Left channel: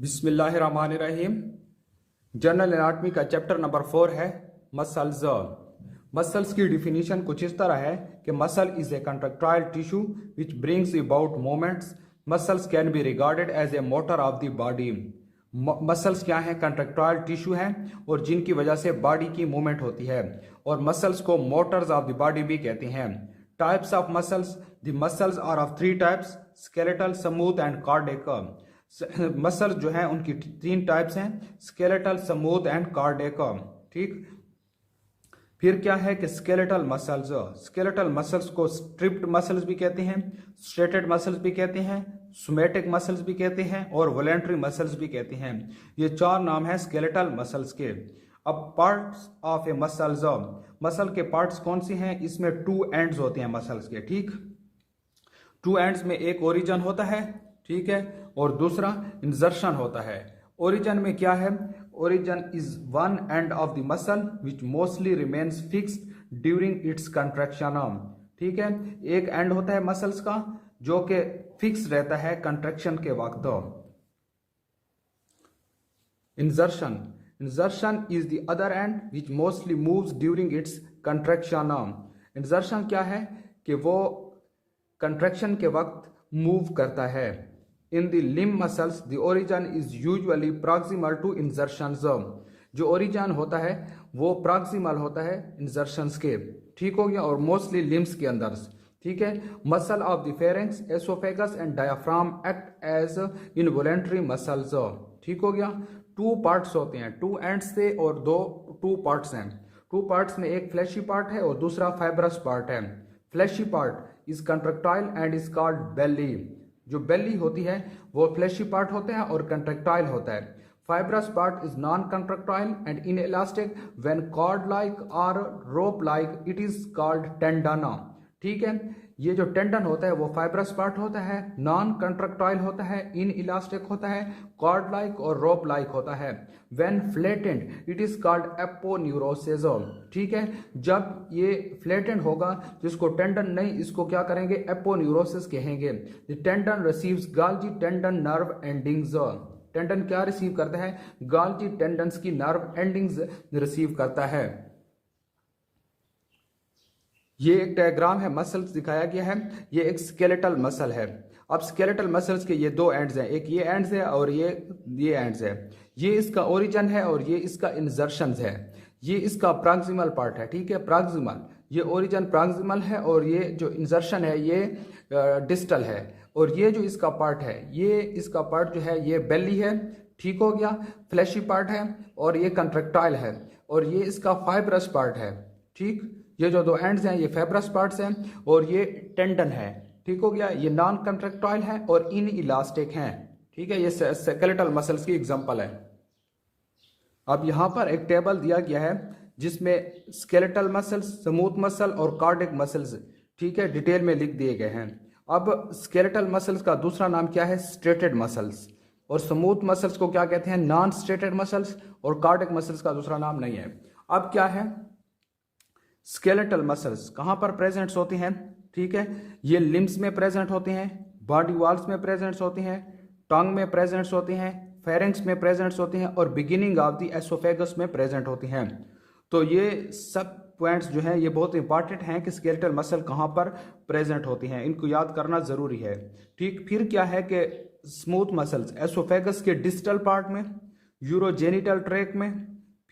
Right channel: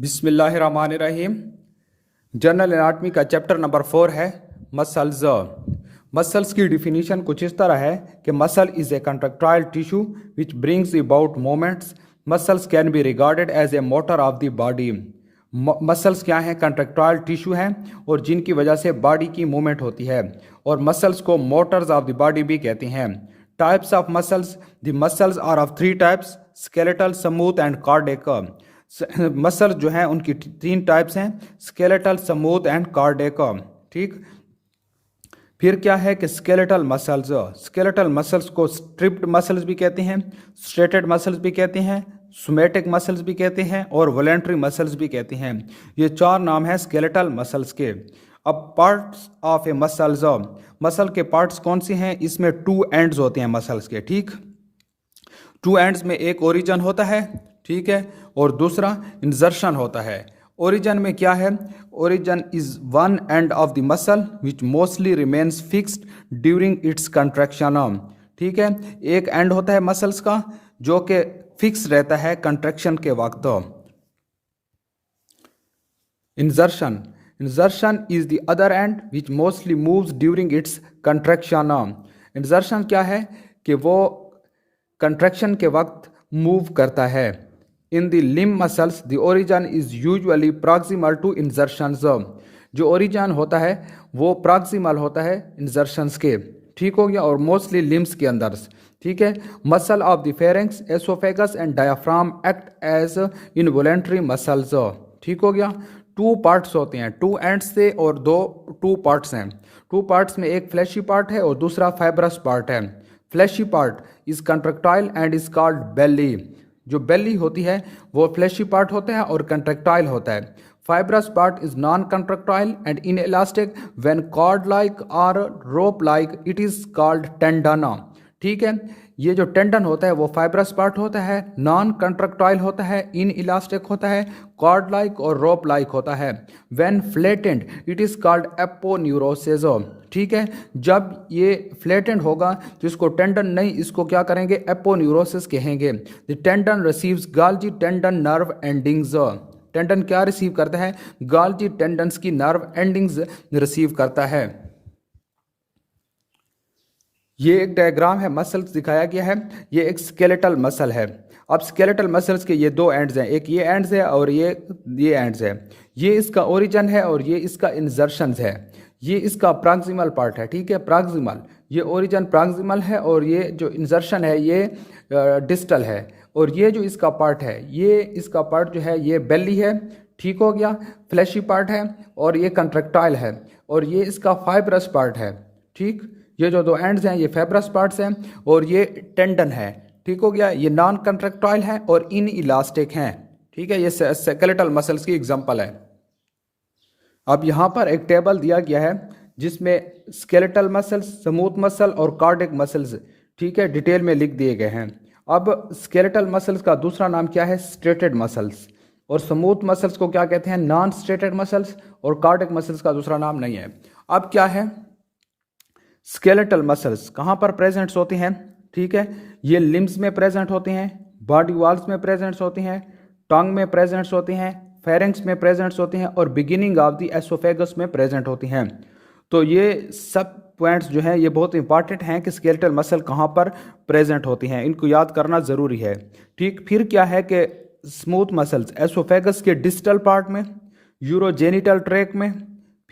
बिस्मिल्लाहिर्रहमानिर्रहीम। General anatomy का chapter number 4 है मसल्स। मसल्स की डिफिनीशन कुछ इस तरह है कि muscle is a contractile tissue which brings about moments. Muscles can be regarded as a motor of the body. Muscles क्या हैं? कंट्रक्टाइल टिश्यू हैं और जिनकी वजह से बॉडी की मूवमेंट होती है, और मसल्स को मोटर्स ऑफ द बॉडी भी कहते हैं। Types of muscles: the muscles are of 3 types, skeletal, smooth and cardiac. Muscle जो है उनकी 3 टाइप्स हैं, स्केलेटल, स्मूथ एंड कार्डियक। ठीक। फिर क्या है कि स्केलेटल मसल्स को स्ट्रिप्ड मसल्स भी कहते हैं, स्ट्रेटेड मसल्स भी कहते हैं, सोमैटिक मसल्स भी कहते हैं और वॉलेंट्री मसल्स भी कहते हैं। ये 4 नाम हैं स्केलेटल मसल्स के। अब parts of A muscles, muscle के पार्ट्स कौन से हैं? इसमें 2 एंड्स होते हैं मसल्स के। ठीक, 2 एंड्स में एक ओरिजिन होता है, ठीक है, और दूसरा इंजर्शन होता है। ओरिजिन में क्या है? Origin is one end of the muscle which mostly remains fixed during its contraction. ठीक है, एक एंड होता है मसल्स का जो कि फिक्स रहता है कंट्रैक्शन के वक्त। इंजर्शन is the other and which mostly moves during its contraction. इंजर्शन क्या है कि वो कंट्रैक्शन के वक्त मूव करता है। In the limb muscles the origin is usually proximal to insertions. जो ओरिजिन होता है वो प्रॉक्सिमल होता है इंजर्शंस के। ठीक हो गया, और मोस्टली लिम्ब्स के अंदर। ठीक है, muscle of the pharynx, oesophagus and diaphragm act as involuntary muscles. ठीक हो गया। 2 पार्ट्स होते हैं, 2 एंड्स से, और 2 पार्ट्स हैं। 2 पार्ट्स में एक फ्लैशी पार्ट है और दूसरा फाइब्रस पार्ट है। Fleshy part is contractile and is called belly. जो बेली होती है वो फ्लैशी पार्ट होता है और कंट्रक्टाइल होता है। Fibrous part is non contractile and in elastic when cord like और rope like it is called tendon. ठीक है, ये जो टेंडन होता है वो फाइब्रस पार्ट होता है, नॉन कंट्रक्टाइल होता है, इन इलास्टिक होता है, कॉर्ड लाइक और रोप लाइक होता है। When flattened it is called aponeurosis. ठीक है, जब ये फ्लैटेंड होगा तो इसको टेंडन नहीं, इसको क्या करेंगे? एपोन्यूरोसिस कहेंगे। The tendon receives गाल्जी tendon nerve endings. Tendon क्या रिसीव करता है? गाल्जी टेंडन्स की नर्व एंडिंग्स रिसीव करता है। ये एक डायग्राम है, मसल्स दिखाया गया है। ये एक स्केलेटल मसल है। अब स्केलेटल मसल्स के ये 2 एंड्स हैं, एक ये एंड्स है और ये एंड्स है। ये इसका ओरिजिन है और ये इसका इंजर्शंस है। ये इसका प्रॉक्सिमल पार्ट है। ठीक है, प्रॉक्सिमल, ये ओरिजिन प्रॉक्सिमल है और ये जो इंजर्शन है ये डिस्टल है। और ये जो इसका पार्ट है, ये इसका पार्ट जो है ये बेली है। ठीक हो गया, फ्लैशी पार्ट है और ये कंट्रक्टाइल है, और ये इसका फाइब्रस पार्ट है। ठीक, ये जो 2 एंड्स हैं ये फाइब्रस पार्ट्स हैं और ये टेंडन है। ठीक हो गया, ये नॉन कंट्रक्टाइल है और इन इलास्टिक हैं। ठीक है, ये स्केलेटल मसल्स की एग्जांपल है। अब यहाँ पर एक टेबल दिया गया है जिसमें स्केलेटल मसल्स, स्मूथ मसल और कार्डियक मसल्स, ठीक है, डिटेल में लिख दिए गए हैं। अब स्केलेटल मसल्स का दूसरा नाम क्या है? Striated muscles. और स्मूथ मसल्स को क्या कहते हैं? Non striated muscles. और कार्डियक मसल्स का दूसरा नाम नहीं है। अब क्या है? स्केलेटल मसल्स कहाँ पर प्रेजेंट्स होती हैं? ठीक है, ये लिम्स में प्रेजेंट होती हैं, बॉडी वॉल्स में प्रेजेंट्स होती हैं, टंग में प्रेजेंट्स होती हैं, फेरेंक्स में प्रेजेंट्स होती हैं और बिगिनिंग ऑफ द एसोफेगस में प्रेजेंट होती हैं। तो ये सब पॉइंट्स जो हैं ये बहुत इंपॉर्टेंट हैं कि स्केलेटल मसल कहाँ पर प्रेजेंट होती हैं, इनको याद करना ज़रूरी है। ठीक, फिर क्या है कि स्मूथ मसल्स एसोफेगस के डिस्टल पार्ट में, यूरोजेनिटल ट्रैक में,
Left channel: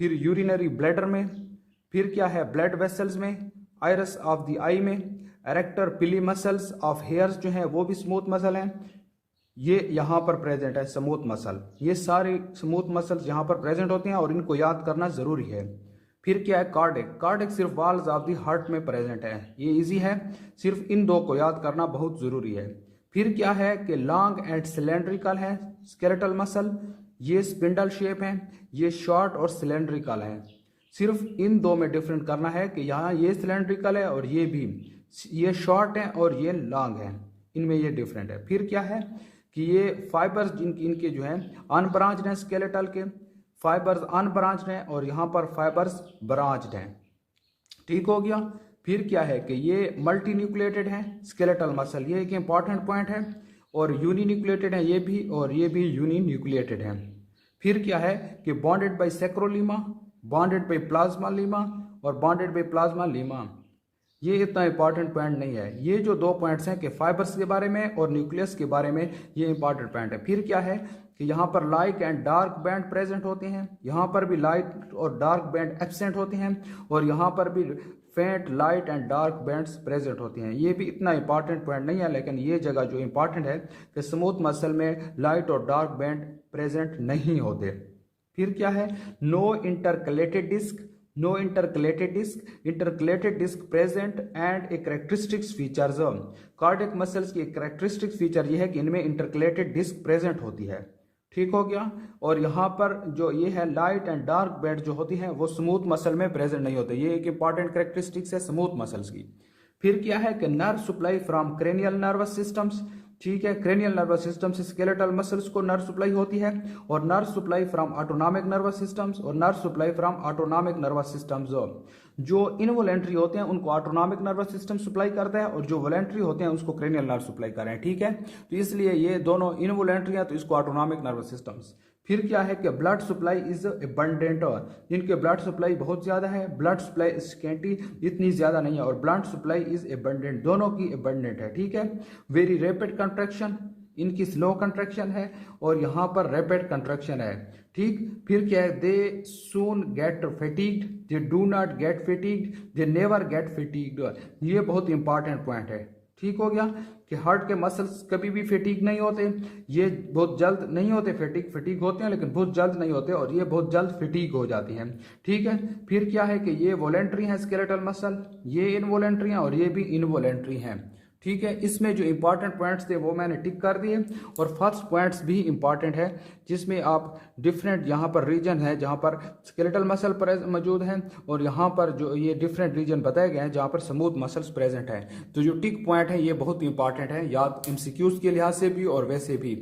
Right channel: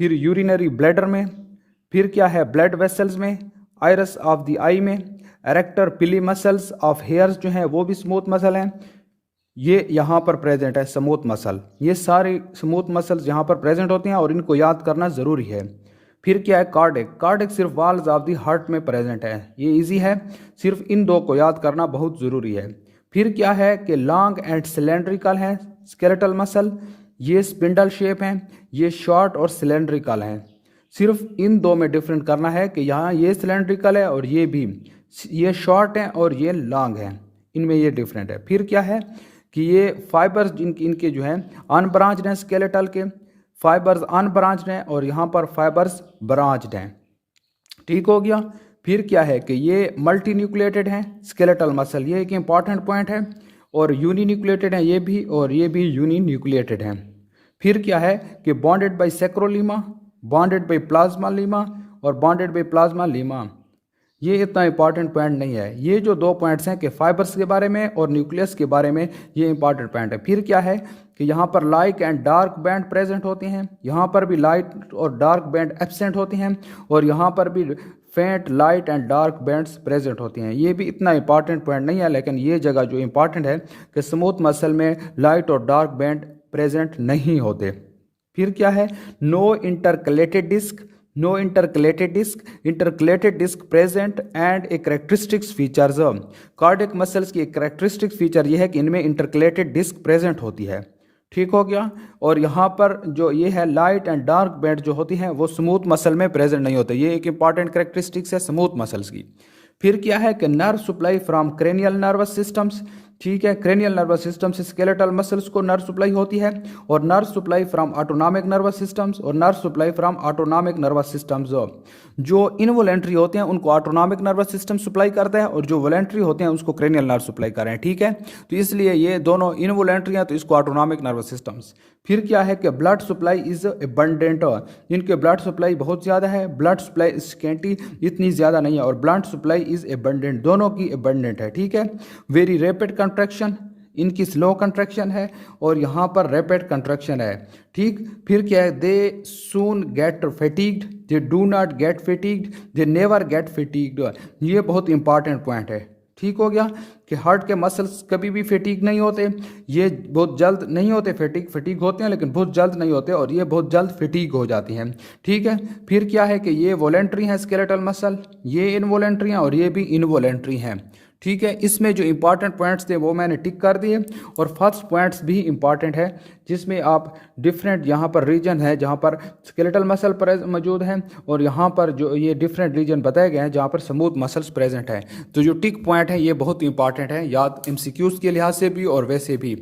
फिर यूरिनरी ब्लैडर में, फिर क्या है? ब्लड वेसल्स में, आइरस ऑफ द आई में, एरेक्टर पिली मसल्स ऑफ हेयर्स जो हैं वो भी स्मूथ मसल हैं। ये यहाँ पर प्रेजेंट है स्मूथ मसल। ये सारी स्मूथ मसल्स यहाँ पर प्रेजेंट होती हैं और इनको याद करना ज़रूरी है। फिर क्या है? कार्डियक। कार्डियक सिर्फ वॉल्स ऑफ द हार्ट में प्रेजेंट है, ये इजी है, सिर्फ इन 2 को याद करना बहुत ज़रूरी है। फिर क्या है कि लॉन्ग एंड सिलेंड्रिकल है स्केलेटल मसल, ये स्पिंडल शेप हैं, ये शॉर्ट और सिलेंड्रिकल हैं। सिर्फ इन 2 में डिफरेंट करना है कि यहाँ ये सिलेंड्रिकल है और ये भी, ये शॉर्ट है और ये लॉन्ग है, इनमें ये डिफरेंट है। फिर क्या है कि ये फाइबर्स इनके जो हैं अनब्रांच्ड हैं, स्केलेटल के फाइबर्स अनब्रांच्ड हैं और यहाँ पर फाइबर्स ब्रांच्ड हैं। ठीक हो गया। फिर क्या है कि ये मल्टी न्यूक्लिएटेड हैं स्केलेटल मसल, ये एक इंपॉर्टेंट पॉइंट है। और यूनिन्यूक्लिएटेड हैं ये भी, और ये भी यूनिन्यूक्लिएटेड हैं। फिर क्या है कि bounded by sarcolemma, bounded by plasmalemma और बॉन्डेड बाय प्लाज्मा लीमा। ये इतना इंपॉर्टेंट पॉइंट नहीं है। ये जो दो पॉइंट्स हैं कि फाइबर्स के बारे में और न्यूक्लियस के बारे में, ये इंपॉर्टेंट पॉइंट है। फिर क्या है कि यहाँ पर light and dark band present होते हैं, यहाँ पर भी लाइट और डार्क बैंड एब्सेंट होते हैं, और यहाँ पर भी फेंट light and dark bands present होती हैं। ये भी इतना इंपॉर्टेंट पॉइंट नहीं है, लेकिन ये जगह जो इंपॉर्टेंट है कि स्मूथ मसल में लाइट और डार्क बैंड प्रेजेंट नहीं होते। फिर क्या है, no intercalated disc, no intercalated disc, intercalated disc present and a characteristics features. Cardiac muscles की एक करेक्टरिस्टिक फीचर यह है कि इनमें इंटरकलेटेड डिस्क प्रेजेंट होती है। ठीक हो गया। और यहाँ पर जो ये है लाइट एंड डार्क बैंड जो होती हैं वो स्मूथ मसल में प्रेजेंट नहीं होते। ये एक इंपॉर्टेंट करेक्टरिस्टिक्स है स्मूथ मसल्स की। फिर क्या है कि nerve supply from cranial nervous systems. ठीक है, क्रेनियल नर्वस सिस्टम से स्केलेटल मसल्स को नर्व सप्लाई होती है, और nerve supply from autonomic nervous systems और nerve supply from autonomic nervous systems. जो इनवॉलेंट्री होते हैं उनको ऑटोनॉमिक नर्वस सिस्टम सप्लाई करता है, और जो वॉलेंट्री होते हैं उसको क्रेनियल नर्व सप्लाई कर रहे हैं। ठीक है, तो इसलिए ये दोनों इनवॉलेंट्री हैं तो इसको ऑटोनॉमिक नर्वस सिस्टम्स। फिर क्या है कि ब्लड सप्लाई इज एबंडेंट, इनके ब्लड सप्लाई बहुत ज़्यादा है, ब्लड सप्लाई स्केंटी इतनी ज़्यादा नहीं है, और ब्लड सप्लाई इज एबंडेंट, दोनों की एबंडेंट है। ठीक है, वेरी रैपिड कंट्रैक्शन, इनकी स्लो कंट्रैक्शन है, और यहाँ पर रैपिड कंट्रैक्शन है। ठीक, फिर क्या है, they soon get fatigued, they do not get fatigued, they never get fatigued. ये बहुत इंपॉर्टेंट पॉइंट है। ठीक हो गया कि हार्ट के मसल्स कभी भी फैटिग नहीं होते, ये बहुत जल्द नहीं होते, फैटिग होते हैं लेकिन बहुत जल्द नहीं होते, और ये बहुत जल्द फैटिग हो जाती हैं। ठीक है, फिर क्या है कि ये वॉलेंट्री हैं स्केलेटल मसल, ये इनवॉलेंट्री हैं और ये भी इनवॉलेंट्री हैं। ठीक है, इसमें जो इंपॉर्टेंट पॉइंट्स थे वो मैंने टिक कर दिए, और फर्स्ट पॉइंट्स भी इंपॉर्टेंट है जिसमें आप डिफरेंट यहाँ पर रीजन है जहाँ पर स्केलेटल मसल मौजूद हैं, और यहाँ पर जो ये डिफरेंट रीजन बताए गए हैं जहाँ पर स्मूथ मसल्स प्रेजेंट हैं। तो जो टिक पॉइंट है ये बहुत इंपॉर्टेंट है, याद MCQs के लिहाज से भी और वैसे भी।